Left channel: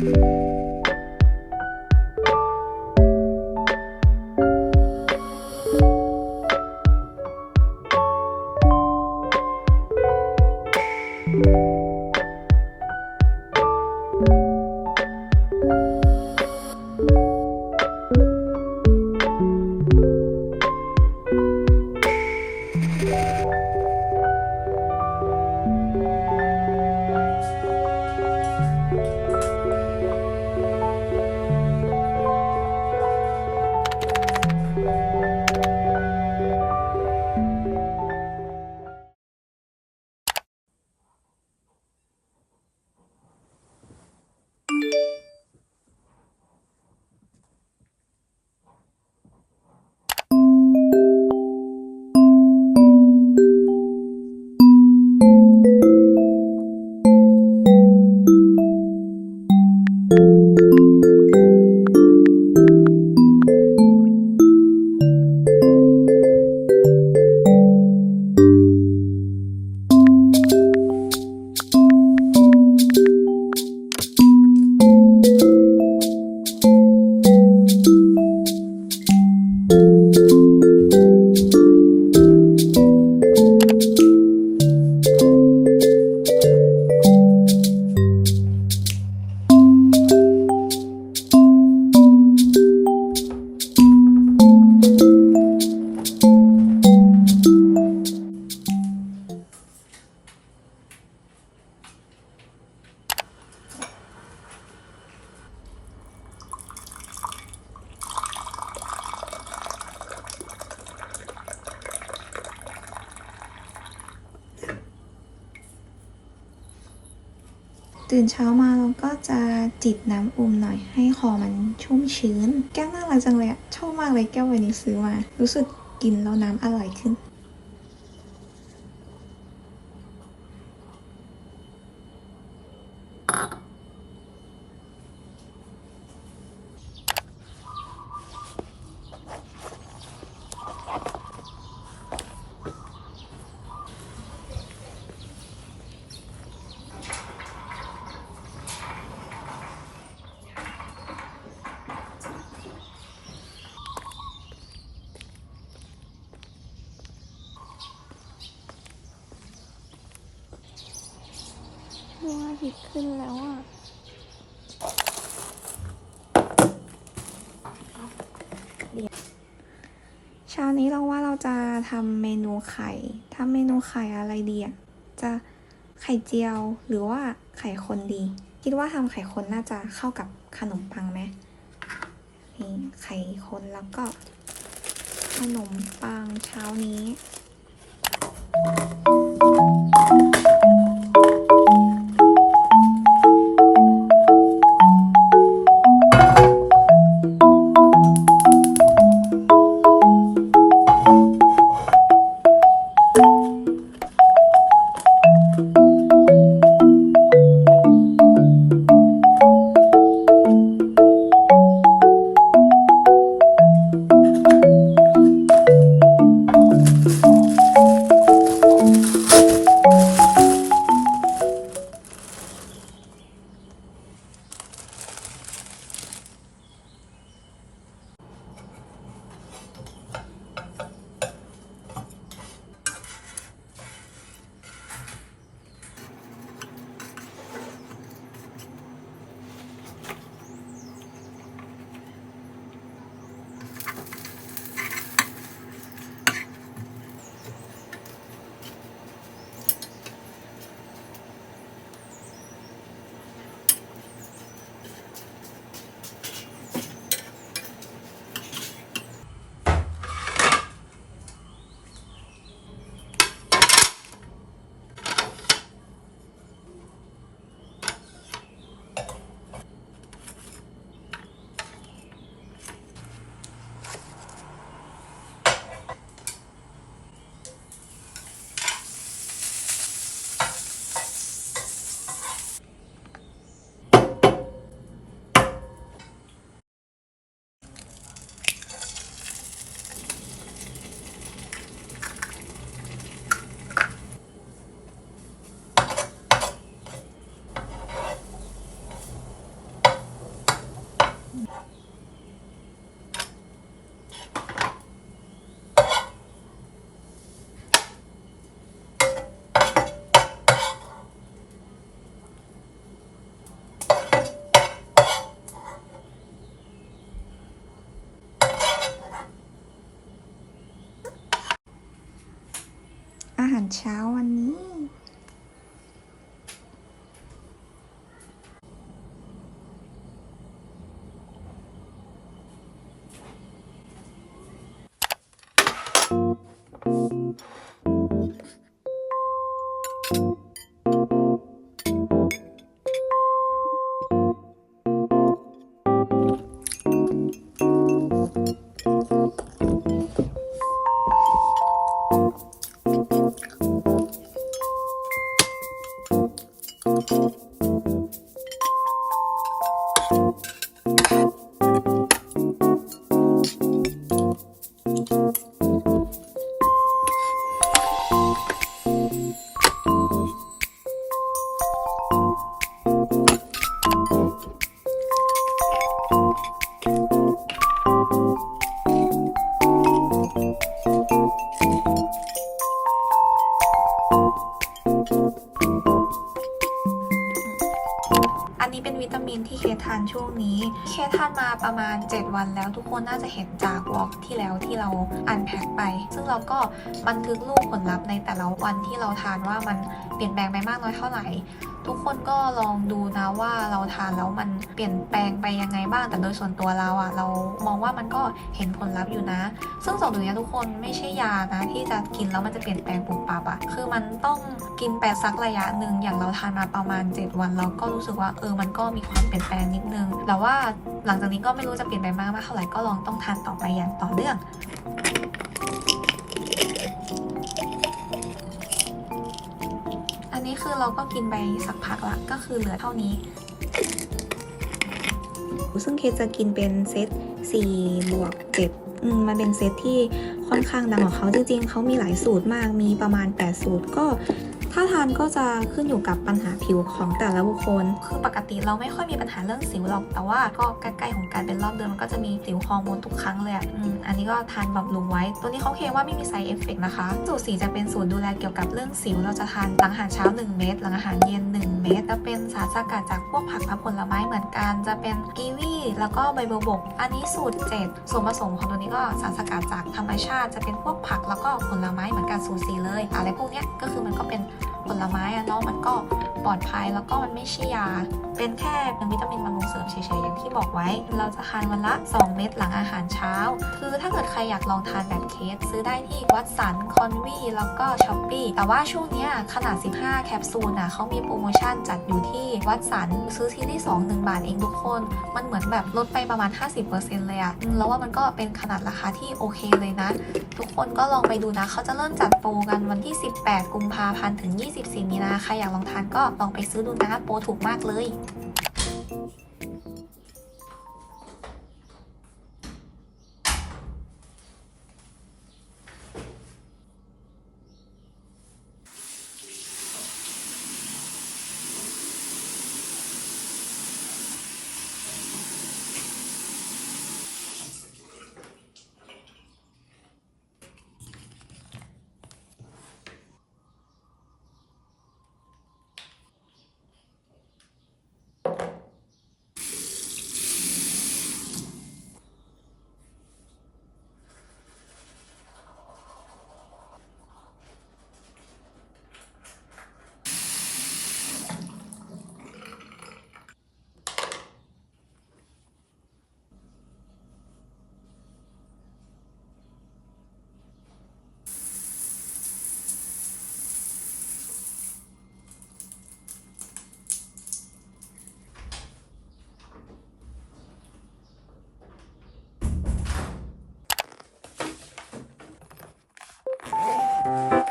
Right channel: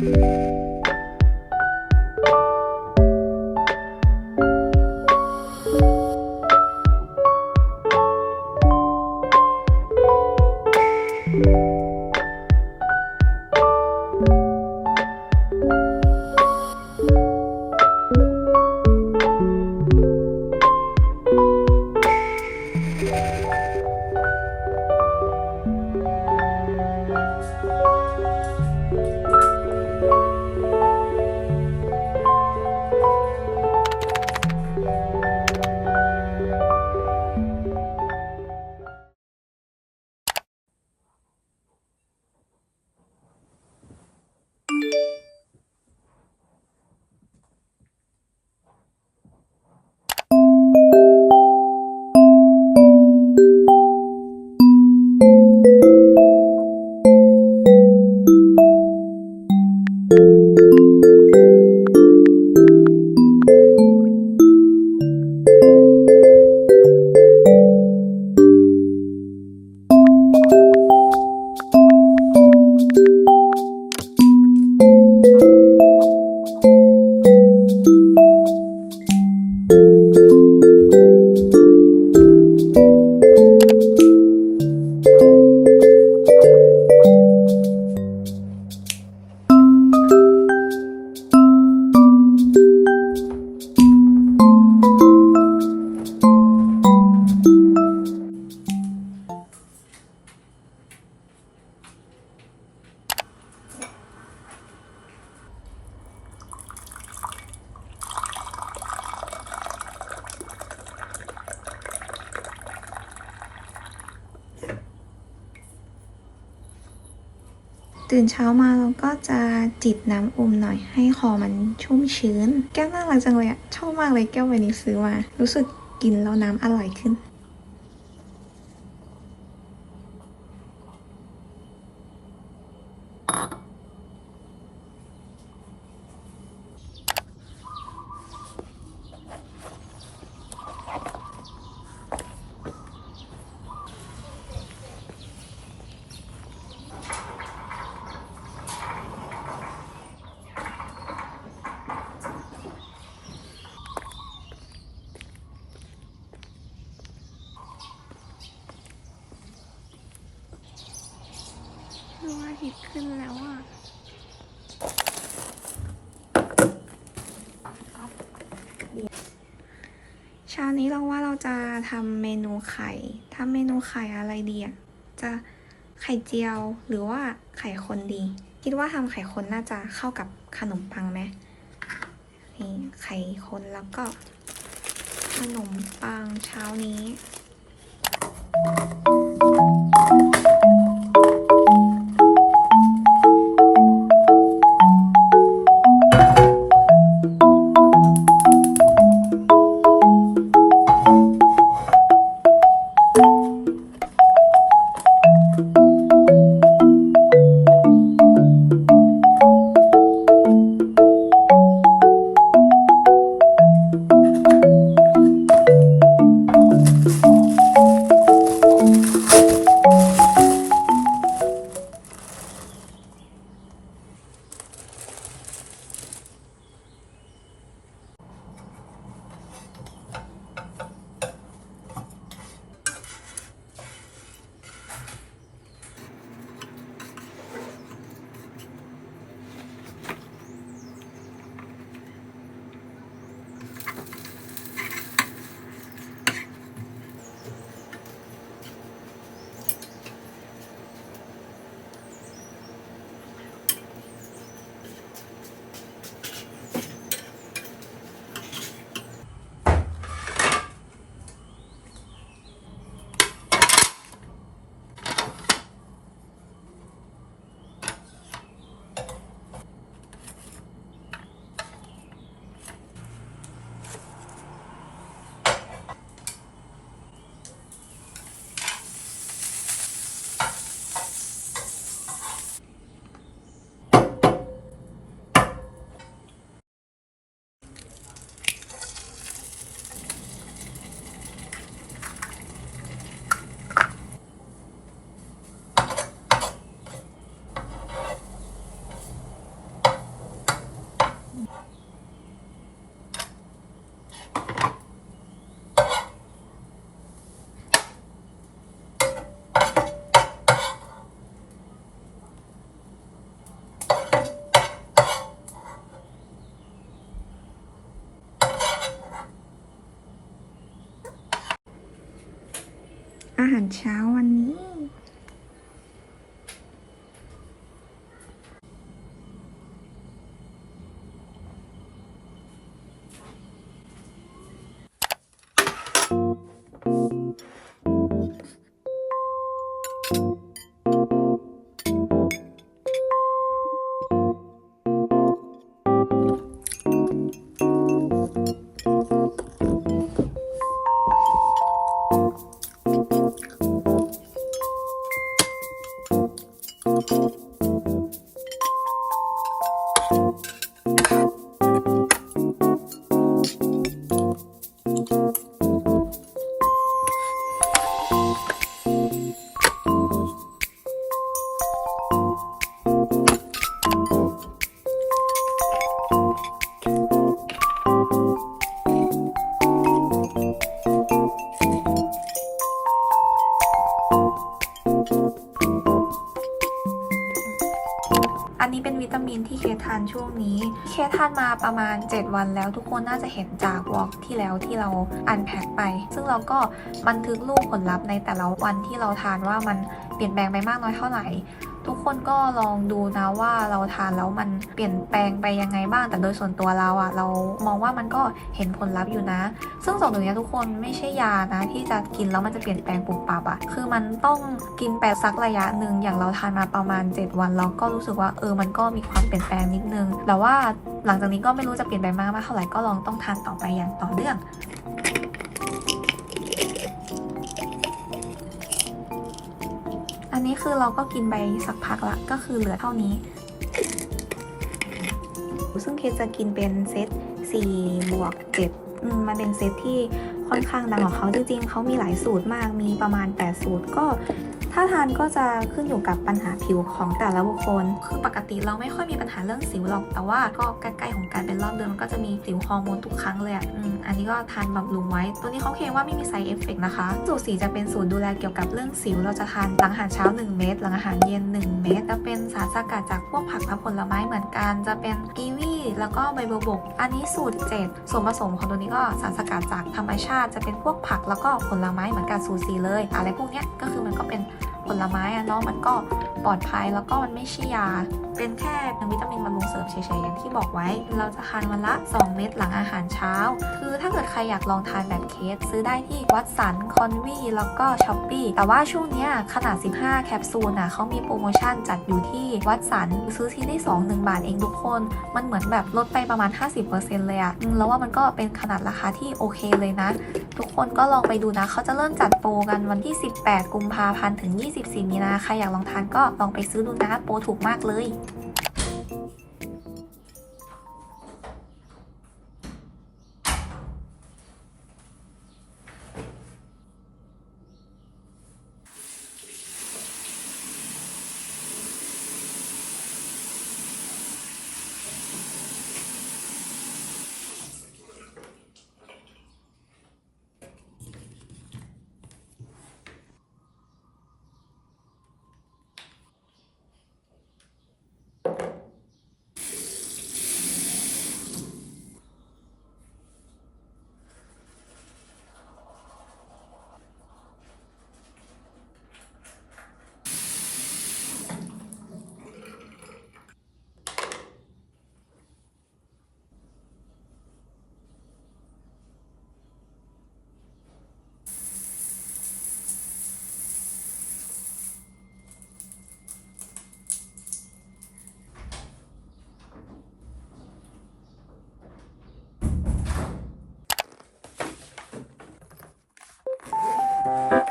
Música ตื่นเช้ามาเราก็จะจิบน้ำอุ่มหน่อยให้คอมันชุ่มชื้น แก้วน่ารักจังเลยอะชอบมากเลยแก้ววันนี้ซื้อมา รู้สึกกินแล้วน้ำอร่อยขึ้น ดวงอาทิตย์ขึ้นแล้วอะเช้านี้เราว่าเราจะทำเมนูไข่ทำเมนูไข่อะไรดีอะจะไข่เจียวหรือว่าไข่คนดี คิดว่าทำไข่คนน่าจะเข้ากับขนมปังไหมนี่ไข่คนแล้วก็ขนมปังเช้านี้ อาหารเช้าวันนี้ เคสทานมาประมาณ 7 วันแล้วทุกคนน่าจะเห็นจากวอล์กที่แล้วที่เราอันแพ็คไป ซึ่งเราก็บันทึกรูปผลลัพธ์ในแต่ละวันที่เราทานว่ามันเปลี่ยนแปลงไปมากน้อยเท่าไหร่ ทุกคนก็ลองดูนะว่าเราทานแล้วมันเปลี่ยนแปลงไปยังไงบ้าง แต่โดยส่วนตัวเราอะเรามองว่ามันก็เห็นผลลัพธ์อยู่นะ ซึ่งสองตัวนี้ทุกคนไม่ใช่ยานะ ที่จะกินแล้วมันจะเปลี่ยนแปลงปุบปับอะคือมันต้องกินไปสักระยะหนึ่งอย่างเราทานมาประมาณ 7 วันเราก็รู้สึกว่าเออมันก็มีความเปลี่ยนแปลงนิดนึงแต่ว่าหลังจากนี้ก็ไม่รู้จะเปลี่ยนไปมากมากเท่าไหร่ก็ลองต้องทานต่อไปอย่างต่อเนื่อง คือเราก็กินไปสักพักละก็คือเหลือเท่านี้ ซึ่งเคจะกินเป็นเซต4บวก7มันเป็นเซตที่ค่อนข้างดังของเขาจริงๆเขามีหลายสูตรมากมีประมาณ 8 สูตรก็ ถ้าทานก็จะขึ้นอยู่กับปัญหาผิวของแต่ละบุคคล คือปกติเราไม่ค่อยมีปัญหาเรื่องสิวหรอก แต่ว่าก็ใกล้ๆของการเป็นรอบเดือนมันก็จะมีสิวฮอร์โมนทุกครั้งเลยอะอันนี้ก็ทานบำรุงไว้ ตัวนี้เขาเคลมว่าไม่มีไซเอฟเฟกนะคะ สูตรสีจะเป็นสูตรดูแลเกี่ยวกับเรื่องสิว เราจะทานหลังอาหารเช้า 1 เม็ด หลังอาหารเย็น 1 เม็ด จะเป็นสารสกัดจากพวกผักและผลไม้เหมือนกัน จะเป็นกีวีแล้วก็ใบบัวบก อันนี้สูตร 7 ส่วนผสมของตัวนี้ก็สารสกัดจากธรรมชาติ จะเป็นพวกผักแล้วก็ผลไม้เหมือนกันสูตรสีเลย อะไรพวกนี้ก็คือมันก็เป็น ผลไม้อะเนาะมันก็ ปลอดภัยแล้วก็มันไม่ใช่ยา เป็นแค่เป็นวิตามินบำรุงเสริมเฉยๆอย่างที่บอกไว้ เราจะทานวันละ 2 เม็ดหลังอาหารเช้า คือถ้าเกิดใครอยากลองทานแบบเคส ซื้อได้ที่วัดสันคอนวีแล้วก็ช้อปปี้แต่ว่าช่วงเนี้ยขนาด 15 แคปซูลน่ะเขามีโปรโมชั่นจัดอยู่ที่วัดสันซื้อที่ที่2 1 บาทเองทุกคน มันเหมือนแบบลดไปประมาณ 50%เลยอะแล้วว่ามันก็เป็นขนาดราคาที่โอเคเลยนะ ทุกคนก็ลองไปดูนะเขาจะเริ่มจัดโปรกันวันที่ 18 กุมภาพันธ์ถึง 24 มีนาใครอยากลองทานก็ลองไปซื้อดูนะโปรถูกมากเลย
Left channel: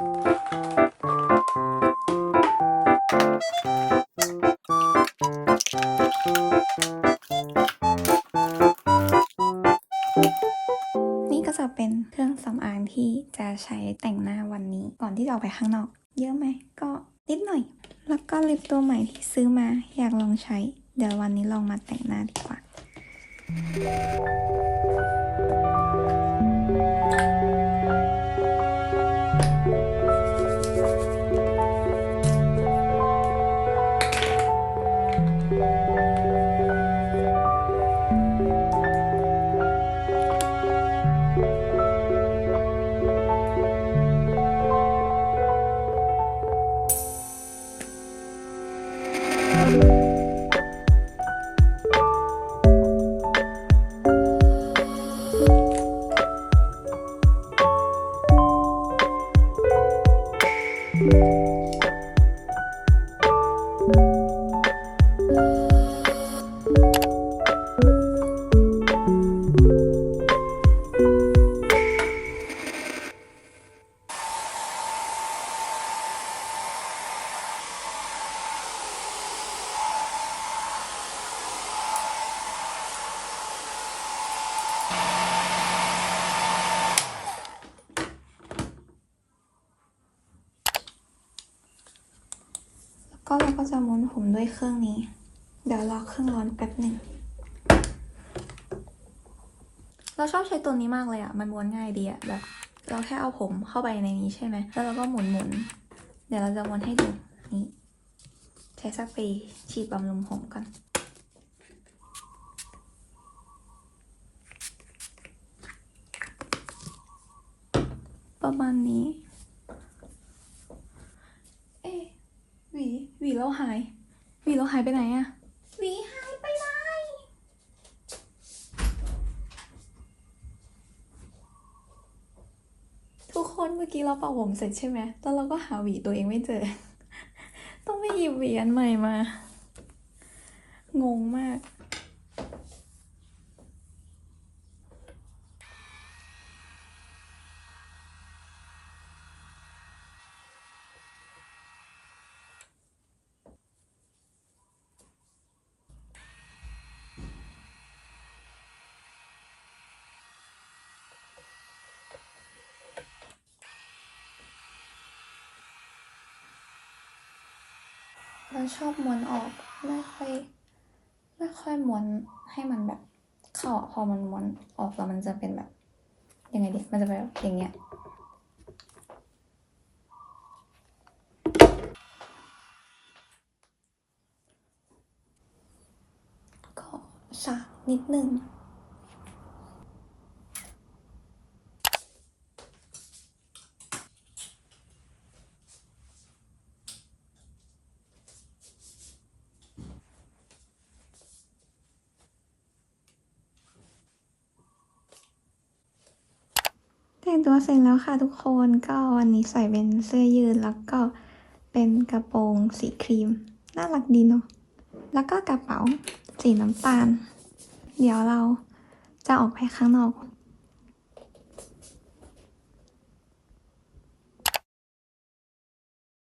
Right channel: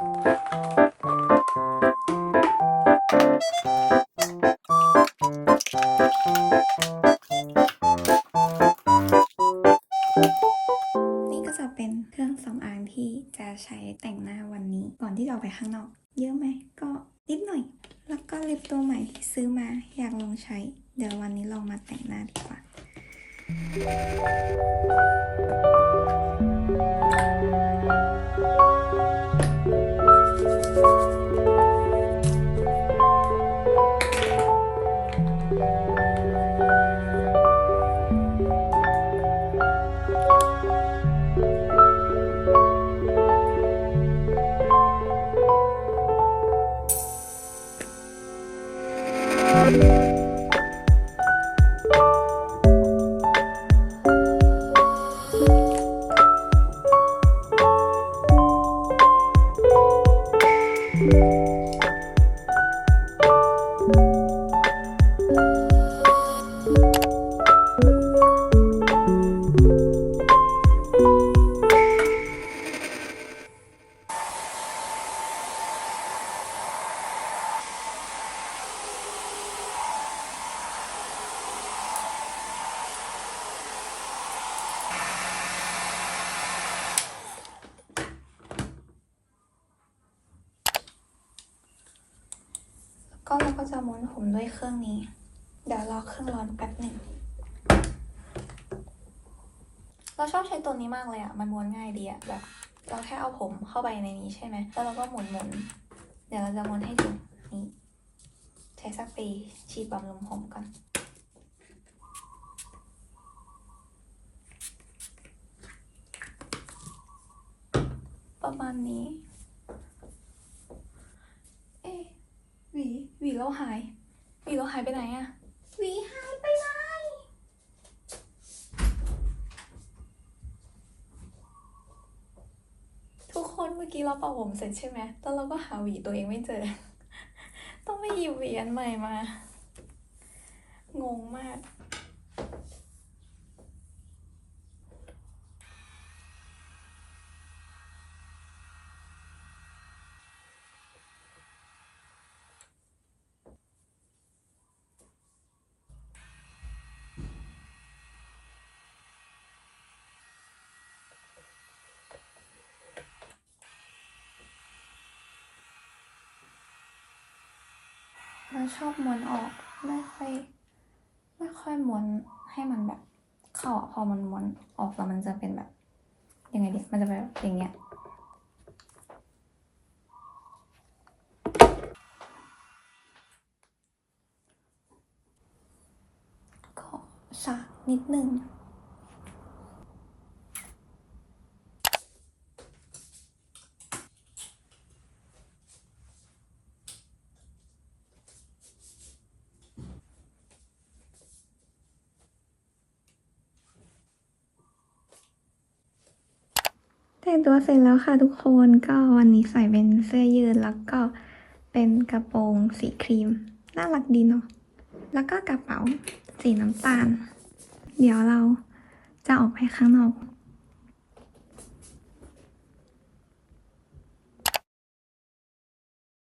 นี่ ชอบใช้ตัวนี้มากเลยอะมันม้วนง่ายดีอะแบบเราแค่เอาผมเข้าไปในนี้ใช่ไหมแล้วเราก็หมุนหมุนๆเดี๋ยวเราจะม้วนให้ดูนี่ใช้สเปรย์ฉีดบำรุงผมกันประมาณนี้ เอ๊หวีหวีเราหายหวีเราหายไปไหนอะหวีหายไปไหน ทุ กี้เราเป่าผมเสร็จใช่ไหมแล้วเราก็หาหวีตัวเองไม่เจอ ต้องไปหยิบหวีอันใหม่มา งงมาก เราชอบม้วนออกไม่ค่อย ไม่ค่อยม้วนให้มันแบบเข้าอะพอมันม้วนออกแล้วมันจะเป็นแบบยังไงดีมันจะเป็นแบบอย่างเงี้ยก็สาดนิดนึง งตัวเสร็จแล้วค่ะทุกคนก็วันนี้ใส่เป็นเสื้อยืดแล้วก็เป็นกระโปรงสีครีม น่ารักดีเนาะแล้วก็กระเป๋าสีน้ำตาล เดี๋ยวเราจะออกไปข้างนอก